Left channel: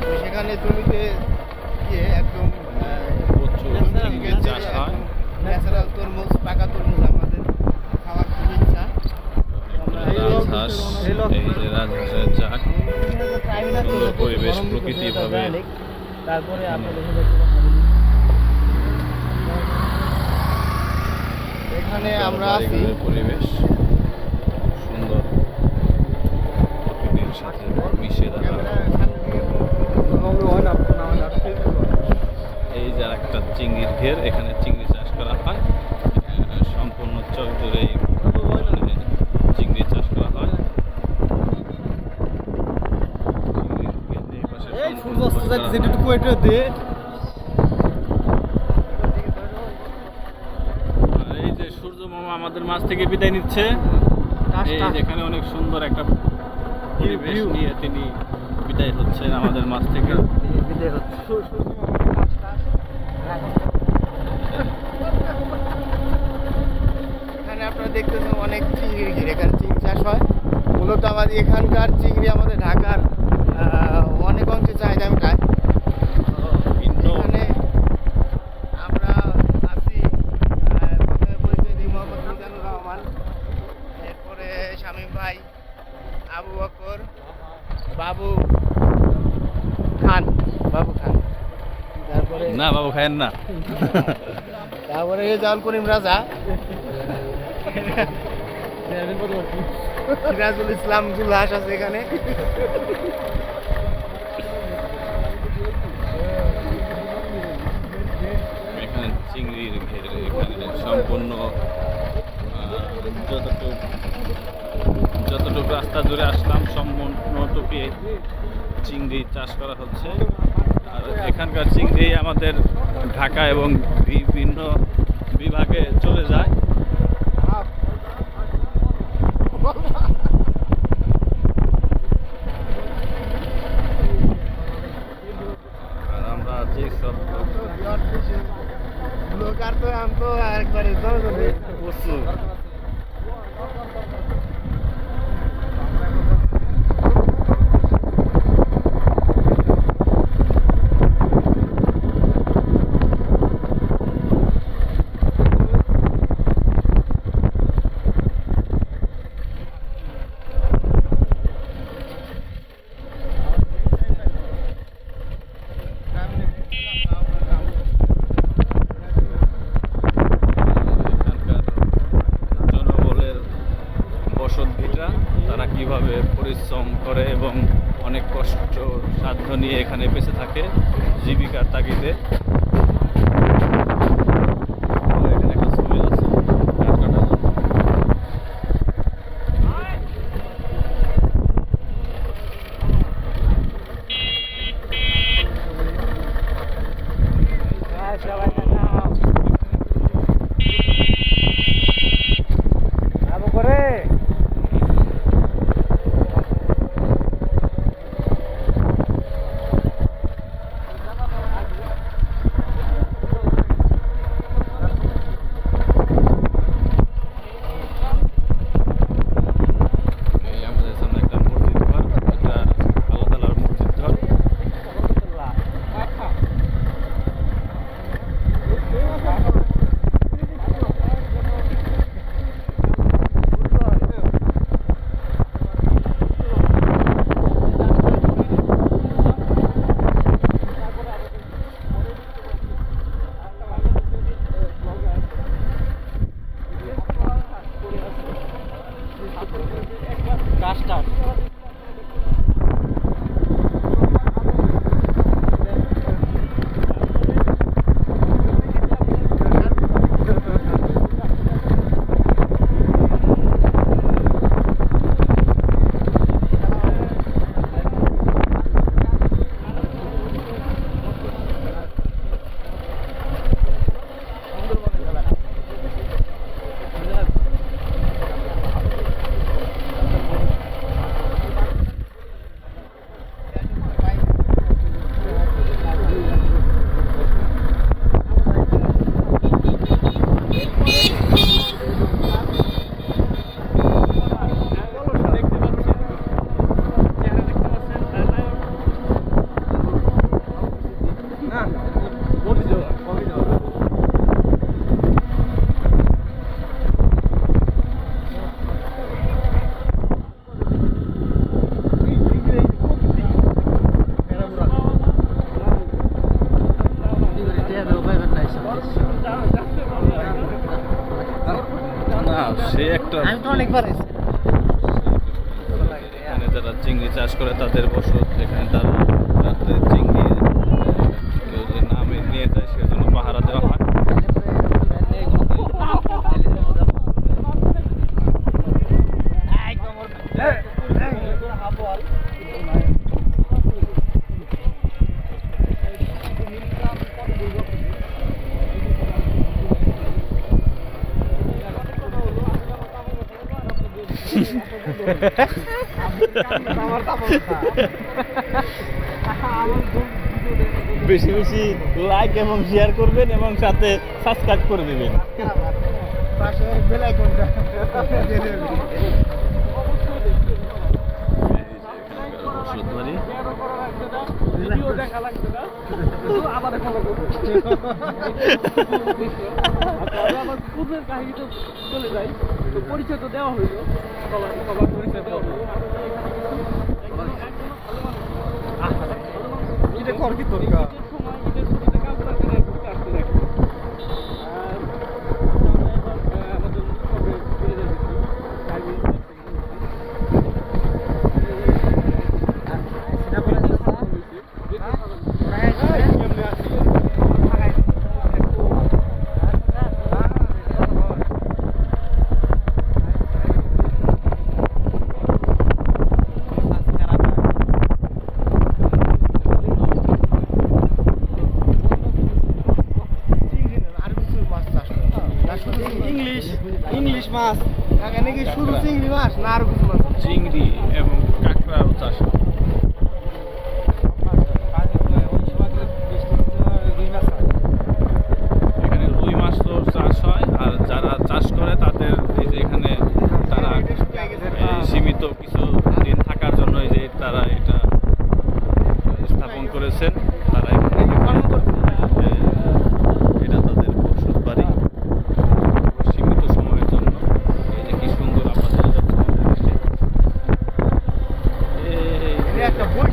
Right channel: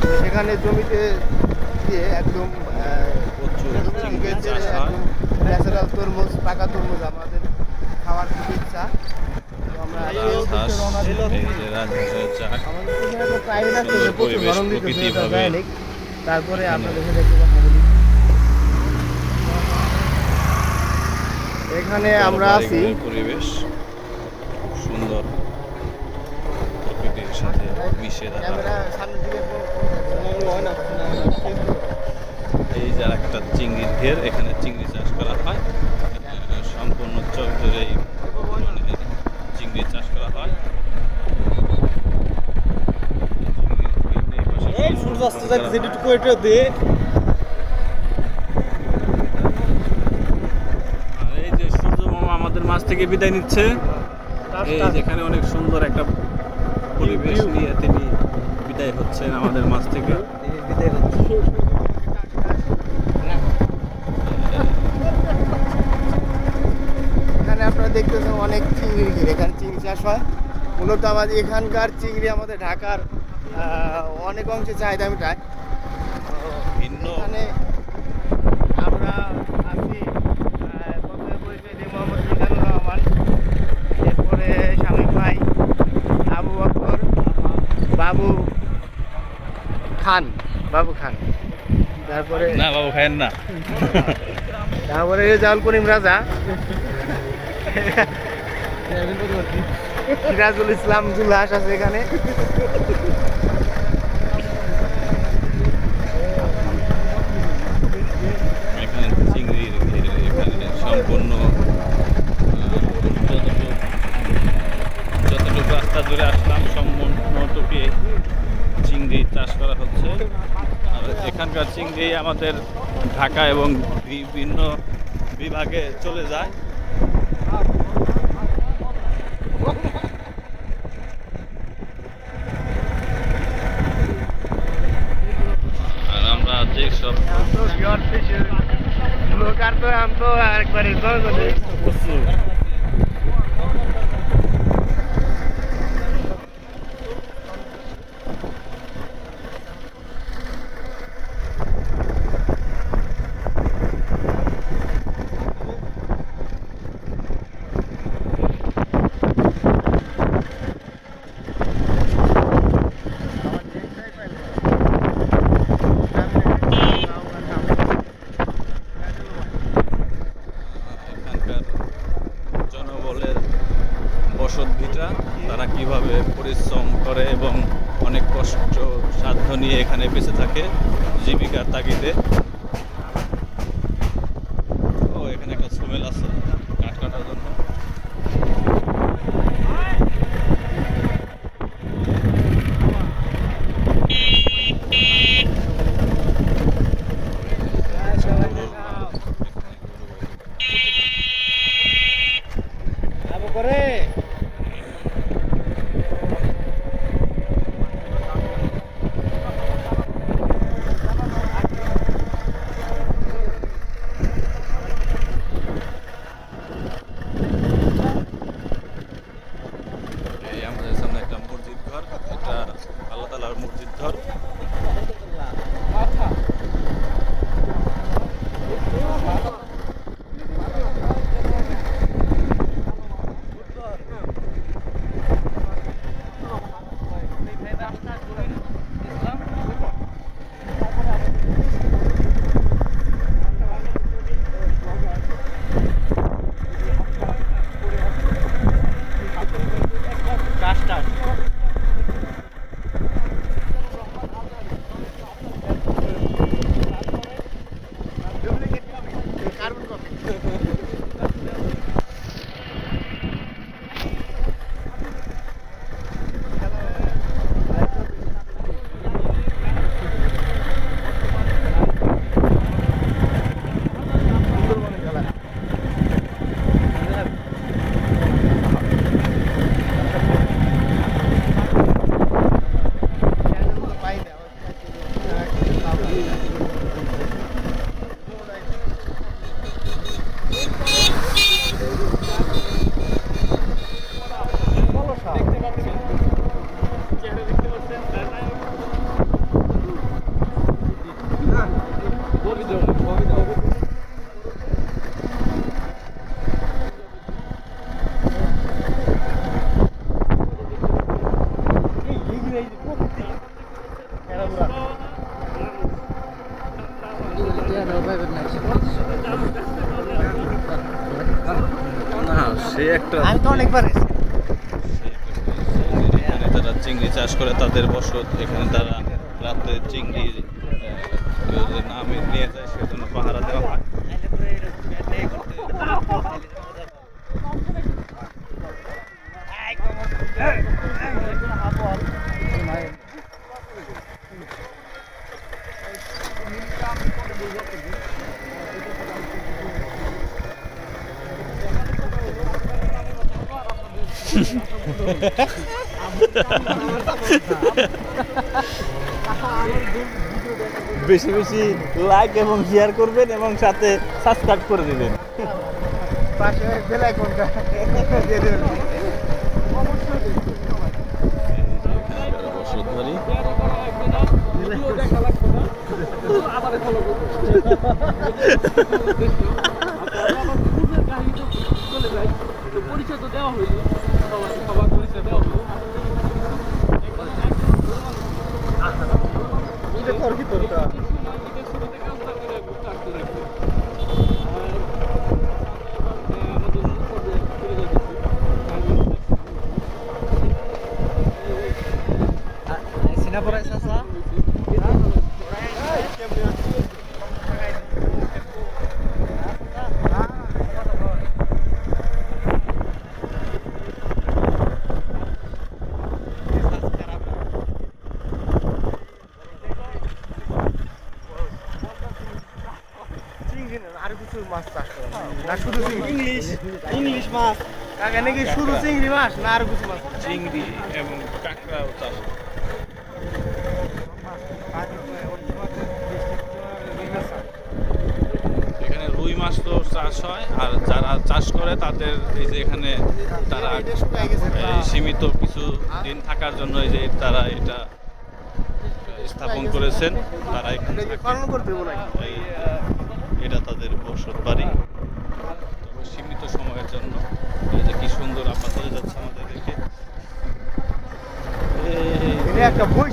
তো সেখানে জমিতে গিয়ে একদম প্রচুর চিংড়ির চাষ হয়। ন্যাচারাল তরমুজ, পাকা তরমুজ আমাদের খাওয়ার খুব ইচ্ছা। তো আমরা রাজহাঁস, এই যে রাজহাঁসের চাক, সুন্দর পরিবেশ, প্রকৃতি ভাবে তারপরে এখানে। আমরা দেখে দেখে কথা বলি। এখানে আমরা আছি জলবায়ু পরিবেশ খুব সুন্দর, প্রকৃতির সাথে মিশে থাকা। ক্যামেরা সামনে দিকে হয় না। এই যে একটা চিংড়ির ঘের, এখানে চিংড়ি চাষ করা হয়। সম্পূর্ণ চক জুড়েই মানে চিংড়ি চাষ করা হয়। আর এই যে সূর্য মামা আমাদের মাছ থেকে বিদায় নিচ্ছে। এই যেখানে অনেক সুন্দর একটা পরিবেশ নিয়ে তিনি বিদায় হচ্ছেন আমাদের মাছ থেকে। এখানে আপনারা দেখতেছেন অনেক চিংড়ি ঘিরে, এখানে চিংড়ি চাষ হয়। মূলত আমাদের এখানকার চিংড়ি আমাদের ঢাকার অনেক অংশে চাহিদা মেটায়। ভিন্ন এখানে আমরা আছি, প্রথমে পরিচয় দিই মোহাম্মদ মিজানুর রহমান, এরপরে শামীম ভাই, আবু বকর, বাবু খান, তারপরে না বাবু খায়েন না। তারপরে রেজাউল করিম রাজা, সিরাজুল ইসলাম জুলহাস আছে এখানে। এখানে চিংড়ির ঘের, এখানে সম্পূর্ণ যতটুকু রাস্তা জুড়ে আসলাম সম্পূর্ণটুকু চিংড়ি চাষ করা হচ্ছে। আর এখানকার চিংড়ি আমাদের ঢাকা এবং বিভিন্ন বিভাগে চলে যায়। আর আমরা যেসব लोग আর তো हम तो একবারে প্রচুর এখানকার জনবলের বসতভিটা, তারা কিভাবে পরিশ্রম করে এবং অনেক কষ্ট সাধ্য নিয়ে এখানে বেঁচে থাকে জীবিকার তাগিদে। ও এখানে একটা সুমেল আছে কাঠ কাটার জন্য। আবু করে অনেকবার হয়েছে। এখানে যারা চিংড়ি চাষ করে তাদের বসত, এখানে তারা রাত্রে চিংড়ি কেউ যদি না নিয়ে যায় সেজন্য পাহারা দেওয়া হয়। বেশি বেশি লাইক এবং শেয়ার করবেন এবং সাথে সাবস্ক্রাইব করে দিবেন। পাশে বেল আইকনটা দিয়ে দেবেন। এই যে এখানকার বসত বাড়ি। এটা করবি করবি। ইংলিশ মাছ কাকা নাকি শুধু চিংড়ি মাছ না আর কিছু মাছ? চিংড়ি এবং কাঁকড়াও চাষ করে। এখানে রুই মাছ তো চাষ হয়, আর যারা চাষ করে তাদের এই যে এখানে তারা এই সীমিত কিছু দিন থাকার জন্য এই যে তারা এটা স্থাপন করেছেন। তারা এখানে এটা তাদের বসত বাড়ি সীমিত সময়ের জন্য। এই যে কি সুন্দর আপনাদের যাচ্ছে আমাদের দেখে। একটা বই